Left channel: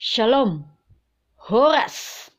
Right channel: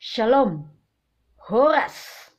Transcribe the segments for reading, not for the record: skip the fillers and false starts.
Shalom, Horas.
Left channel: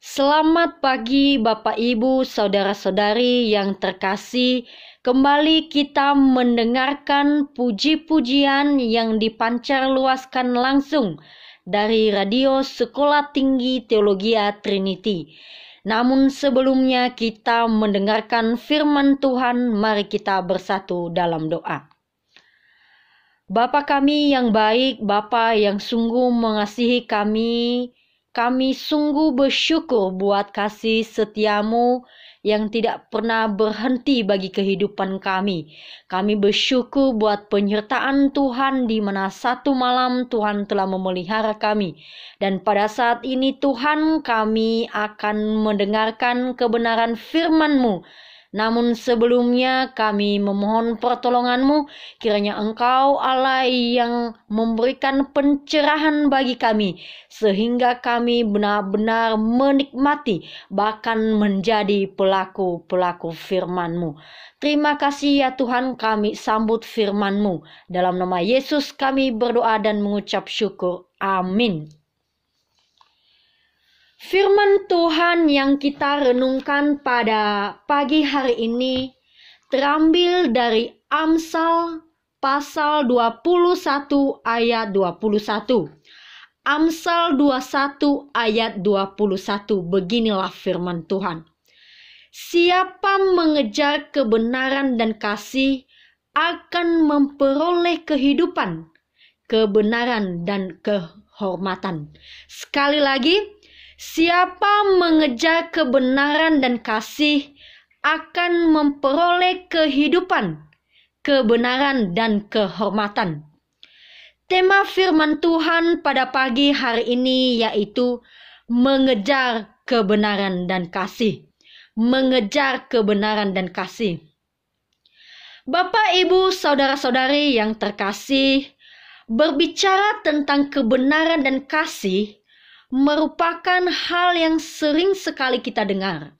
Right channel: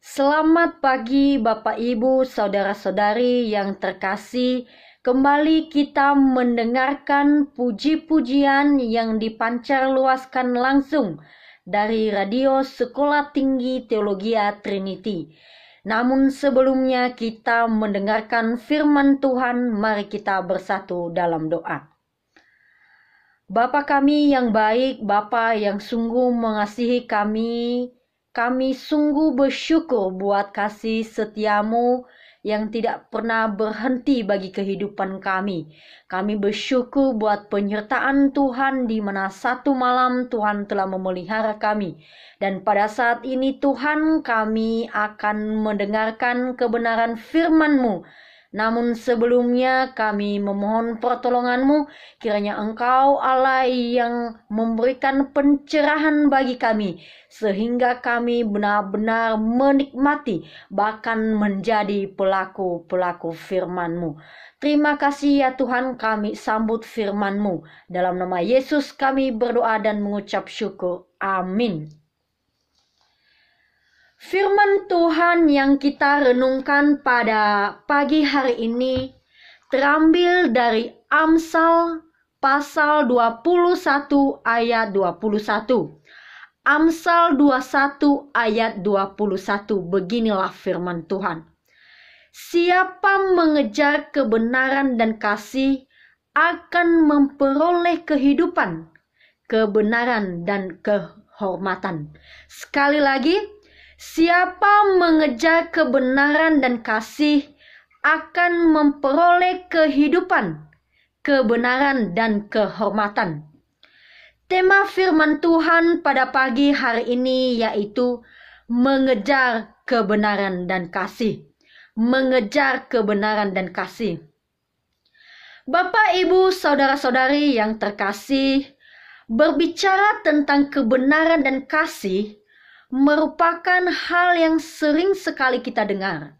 Selamat pagi Bapak Ibu, Saudara-saudari yang terkasih. Kembali kita mendengarkan puji-pujian yang dipancar luaskan langsung dari Radio Sekolah Tinggi Teologia Trinity. Namun sebelumnya kita mendengarkan firman Tuhan, mari kita bersatu dalam doa. Bapa kami yang baik, Bapa yang sungguh mengasihi kami sungguh bersyukur buat kasih setiamu yang tidak pernah berhenti bagi kehidupan kami. Kami bersyukur buat penyertaan Tuhan di mana satu malam Tuhan telah memelihara kami. Dan pada saat ini Tuhan, kami akan mendengarkan kebenaran firman-Mu. Namun sebelumnya kami memohon pertolongan-Mu, kiranya Engkau Allah yang memberikan pencerahan bagi kami, sehingga kami benar-benar menikmati, bahkan menjadi pelaku-pelaku firman-Mu. Terima kasih ya Tuhan, kami sambut firman-Mu. Dalam nama Yesus kami berdoa dan mengucap syukur. Amin. Firman Tuhan yang kita renungkan pada pagi hari ini terambil dari Amsal pasal 21 ayat 21. Amsal 21 ayat 21, beginilah firman Tuhan. Siapa mengejar kebenaran dan kasih akan memperoleh kehidupan, kebenaran dan kehormatan. Sekali lagi, siapa mengejar kebenaran dan kasih akan memperoleh kehidupan, kebenaran dan kehormatan. Tema firman Tuhan pada pagi hari ini yaitu mengejar kebenaran dan kasih. Mengejar kebenaran dan kasih. Bapak, Ibu, Saudara-saudari yang terkasih, berbicara tentang kebenaran dan kasih merupakan hal yang sering sekali kita dengar.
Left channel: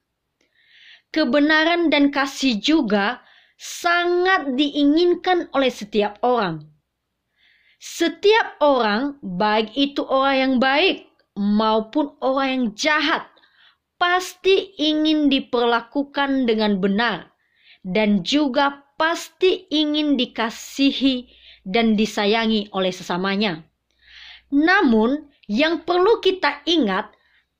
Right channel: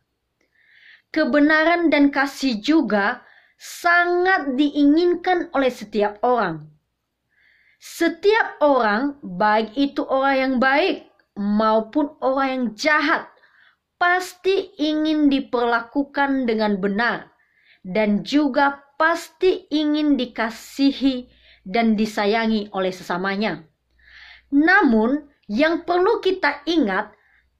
Kebenaran dan kasih juga sangat diinginkan oleh setiap orang. Setiap orang, baik itu orang yang baik maupun orang yang jahat, pasti ingin diperlakukan dengan benar dan juga pasti ingin dikasihi dan disayangi oleh sesamanya. Namun, yang perlu kita ingat,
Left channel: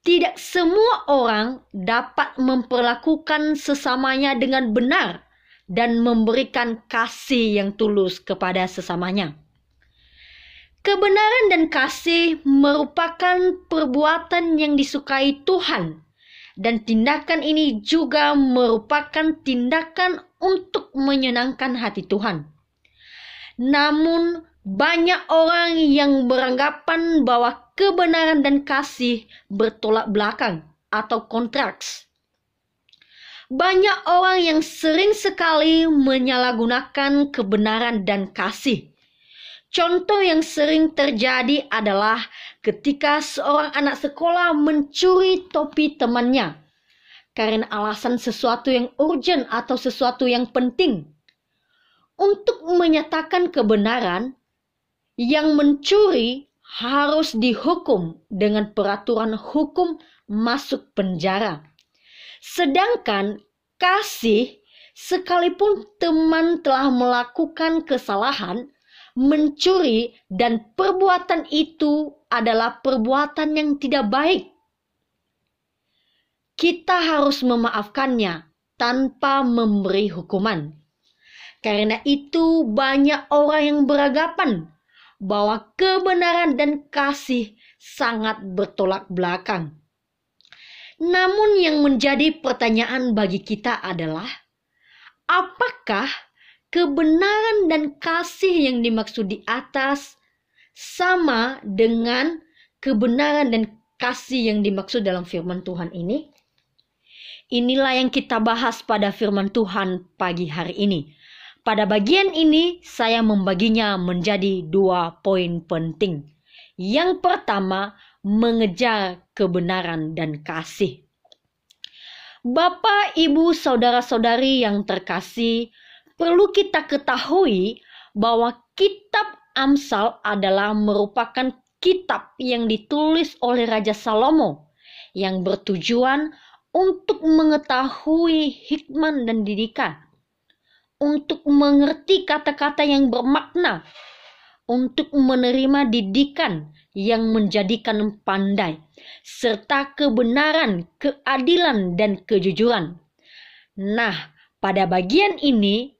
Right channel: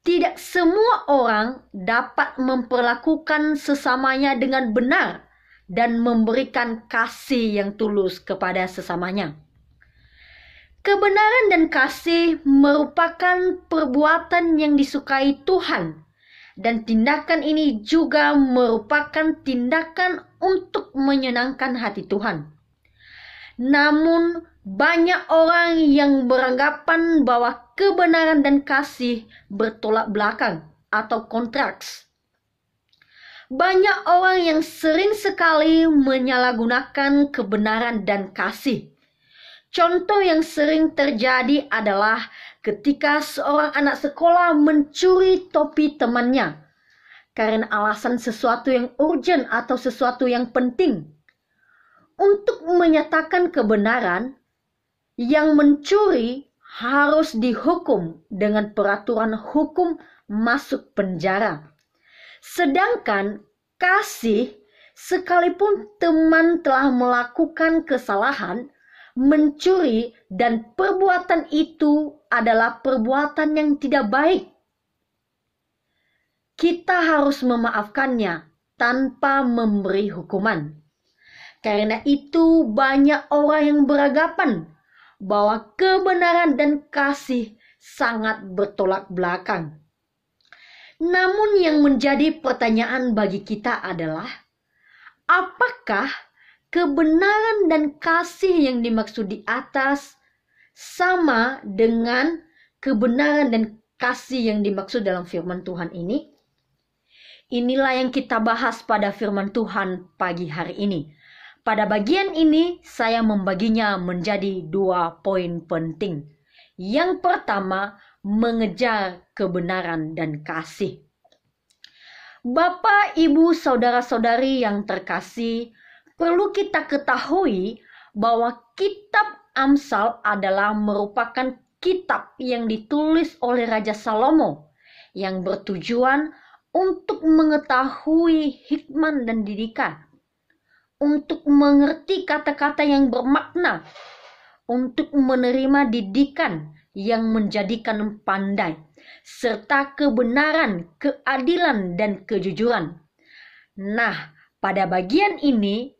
tidak semua orang dapat memperlakukan sesamanya dengan benar dan memberikan kasih yang tulus kepada sesamanya. Kebenaran dan kasih merupakan perbuatan yang disukai Tuhan, dan tindakan ini juga merupakan tindakan untuk menyenangkan hati Tuhan. Namun, banyak orang yang beranggapan bahwa kebenaran dan kasih bertolak belakang atau kontraks. Banyak orang yang sering sekali menyalahgunakan kebenaran dan kasih. Contoh yang sering terjadi adalah ketika seorang anak sekolah mencuri topi temannya karena alasan sesuatu yang urgent atau sesuatu yang penting. Untuk menyatakan kebenaran, yang mencuri harus dihukum dengan peraturan hukum masuk penjara. Sedangkan kasih, sekalipun teman telah melakukan kesalahan, mencuri dan perbuatan itu adalah perbuatan yang tidak baik, kita harus memaafkannya tanpa memberi hukuman. Karena itu banyak orang yang beranggapan bahwa kebenaran dan kasih sangat bertolak belakang. Namun yang menjadi pertanyaan bagi kita adalah, apakah kebenaran dan kasih yang dimaksud di atas sama dengan kebenaran dan kasih yang dimaksud dalam firman Tuhan ini? Inilah yang kita bahas pada firman Tuhan pagi hari ini. Pada bagian ini saya membaginya menjadi 2 poin penting. Yang pertama, mengejar kebenaran dan kasih. Bapak, Ibu, Saudara-saudari yang terkasih, perlu kita ketahui bahwa kitab Amsal adalah merupakan kitab yang ditulis oleh Raja Salomo yang bertujuan untuk mengetahui hikmat dan didikan, untuk mengerti kata-kata yang bermakna, untuk menerima didikan yang menjadikan pandai, serta kebenaran, keadilan, dan kejujuran. Nah, pada bagian ini,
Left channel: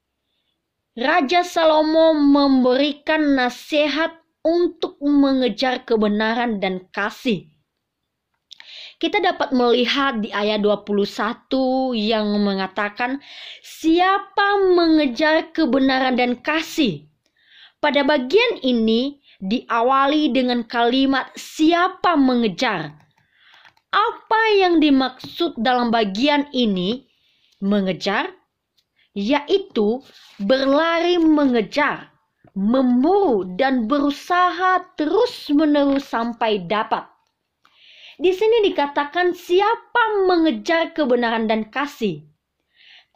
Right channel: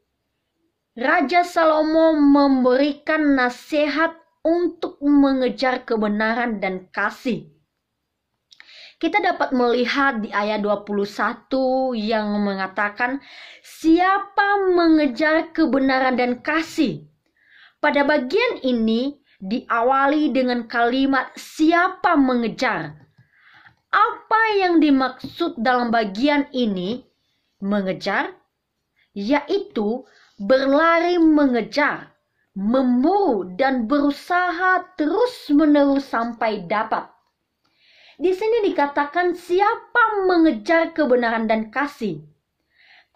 Raja Salomo memberikan nasihat untuk mengejar kebenaran dan kasih. Kita dapat melihat di ayat 21 yang mengatakan, siapa mengejar kebenaran dan kasih. Pada bagian ini diawali dengan kalimat siapa mengejar. Apa yang dimaksud dalam bagian ini mengejar? Yaitu berlari mengejar, memburu dan berusaha terus-menerus sampai dapat. Di sini dikatakan siapa mengejar kebenaran dan kasih.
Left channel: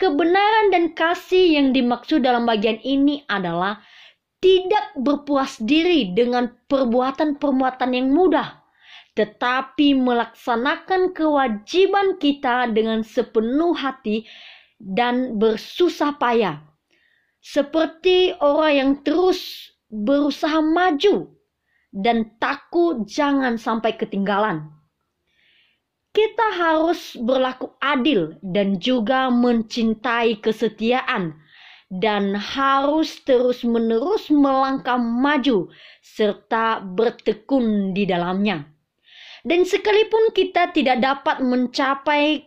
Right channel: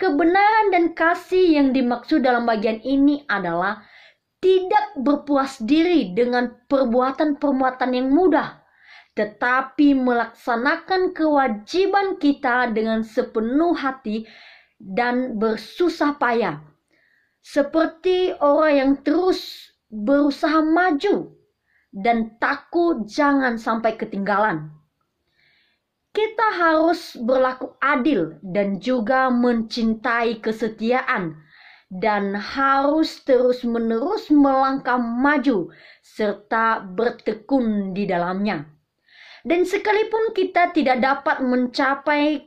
Kebenaran dan kasih yang dimaksud dalam bagian ini adalah tidak berpuas diri dengan perbuatan-perbuatan yang mudah, tetapi melaksanakan kewajiban kita dengan sepenuh hati dan bersusah payah. Seperti orang yang terus berusaha maju dan takut jangan sampai ketinggalan. Kita harus berlaku adil dan juga mencintai kesetiaan dan harus terus-menerus melangkah maju serta bertekun di dalamnya. Dan sekalipun kita tidak dapat mencapai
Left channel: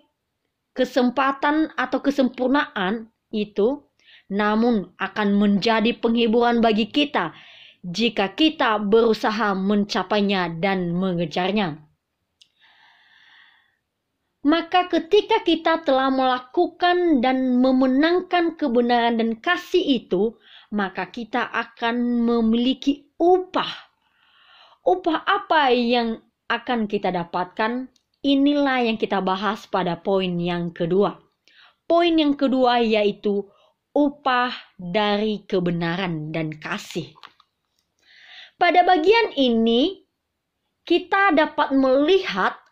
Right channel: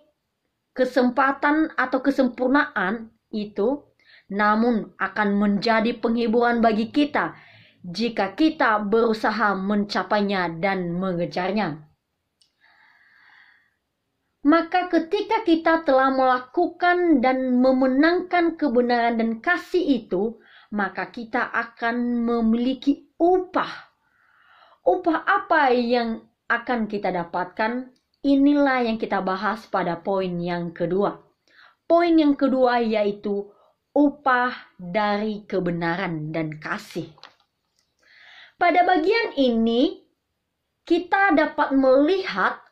kesempatan atau kesempurnaan itu, namun akan menjadi penghiburan bagi kita jika kita berusaha mencapainya dan mengejarnya. Maka ketika kita telah melakukan dan memenangkan kebenaran dan kasih itu, maka kita akan memiliki upah. Upah apa yang akan kita dapatkan? Inilah yang kita bahas pada poin yang kedua. Poin yang kedua yaitu upah dari kebenaran dan kasih. Pada bagian ini, kita dapat melihat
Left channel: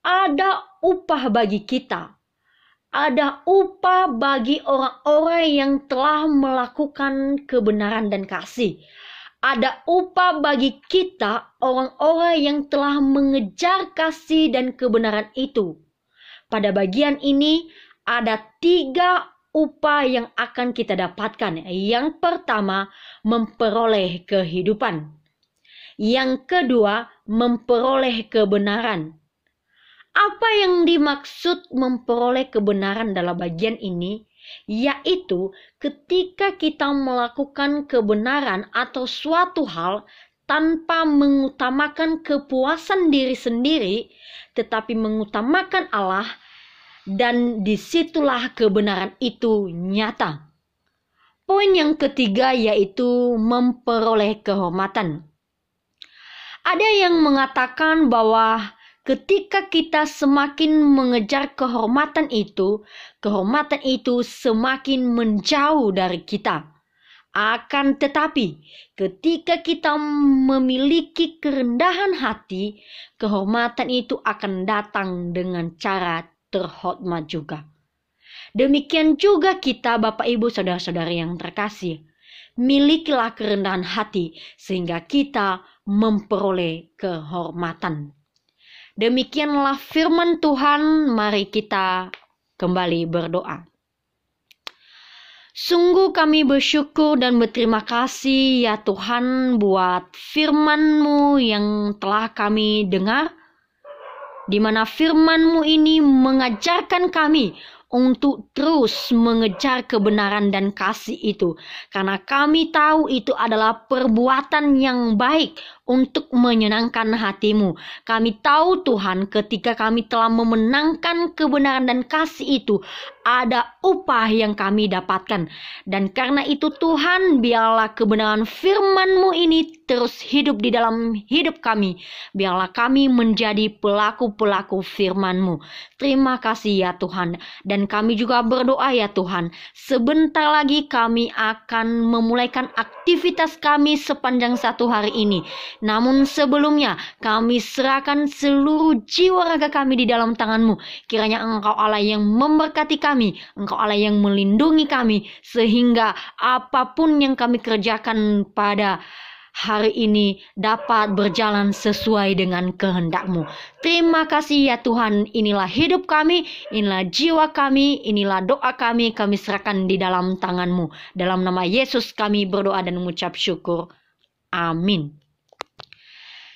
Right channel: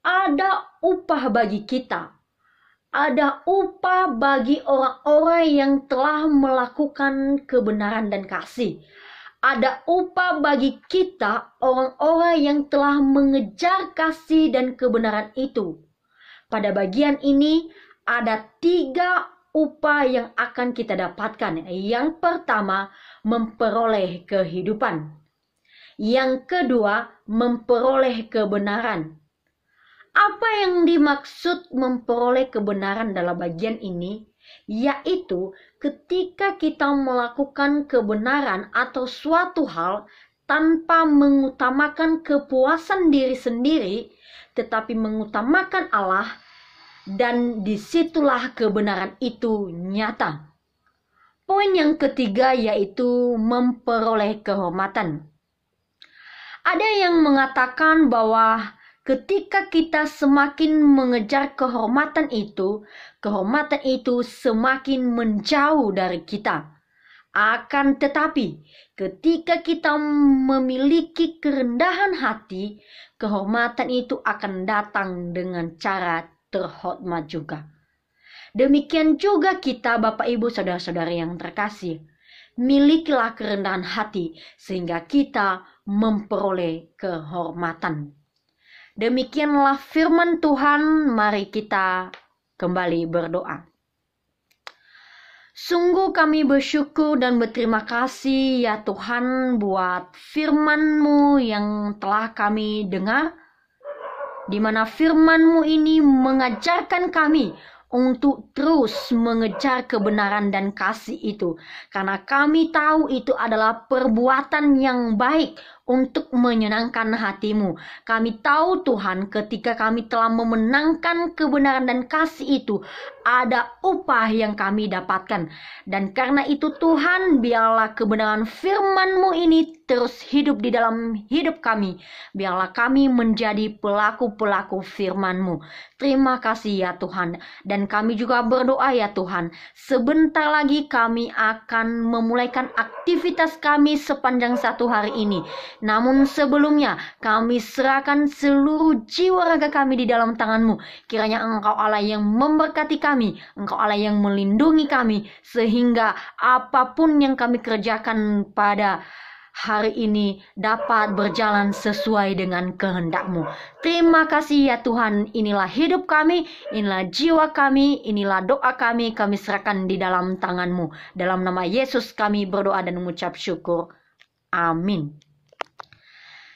ada upah bagi kita. Ada upah bagi orang-orang yang telah melakukan kebenaran dan kasih. Ada upah bagi kita, orang-orang yang telah mengejar kasih dan kebenaran itu. Pada bagian ini, ada 3 upah yang akan kita dapatkan. Yang pertama, memperoleh kehidupan. Yang kedua, memperoleh kebenaran. Apa yang dimaksud memperoleh kebenaran dalam bagian ini? Yaitu ketika kita melakukan kebenaran atau suatu hal tanpa mengutamakan kepuasan diri sendiri, tetapi mengutamakan Allah, dan disitulah kebenaran itu nyata. Poin yang ketiga yaitu memperoleh kehormatan. Ada yang mengatakan bahwa ketika kita semakin mengejar kehormatan itu semakin menjauh dari kita. Akan tetapi, ketika kita memiliki kerendahan hati, kehormatan itu akan datang dengan cara terhormat juga. Demikian juga kita, Bapak, Ibu, Saudara-saudari yang terkasih, milikilah kerendahan hati sehingga kita memperoleh kehormatan. Demikianlah firman Tuhan, mari kita kembali berdoa. Sungguh kami bersyukur dan berterima kasih ya Tuhan buat firman-Mu yang telah kami dengar, di mana firman-Mu ini mengajarkan kami untuk terus mengejar kebenaran dan kasih itu. Karena kami tahu itu adalah perbuatan yang baik untuk menyenangkan hati-Mu. Kami tahu Tuhan ketika kami telah memenangkan kebenaran dan kasih itu, ada upah yang kami dapatkan. Dan karena itu Tuhan, biarlah kebenaran firman-Mu ini terus hidup di dalam hidup kami. Biarlah kami menjadi pelaku-pelaku firman-Mu. Terima kasih ya Tuhan. Dan kami juga berdoa ya Tuhan, sebentar lagi kami akan memulaikan aktivitas kami sepanjang satu hari ini. Namun sebelumnya kami serahkan seluruh jiwa raga kami di dalam tangan-Mu. Kiranya Engkau Allah yang memberkati kami, Engkau Allah yang melindungi kami, sehingga apapun yang kami kerjakan pada hari ini dapat berjalan sesuai dengan kehendak-Mu. Terima kasih ya Tuhan, inilah hidup kami, inilah jiwa kami, inilah doa kami serahkan di dalam tangan-Mu. Dalam nama Yesus kami berdoa dan mengucap syukur. Amin.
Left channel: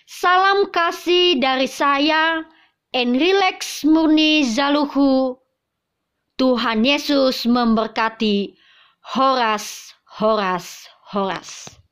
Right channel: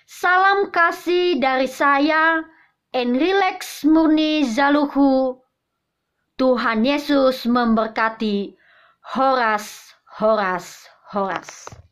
Salam kasih dari saya, Enrilex Murni Zaluhu. Tuhan Yesus memberkati. Horas, horas, horas.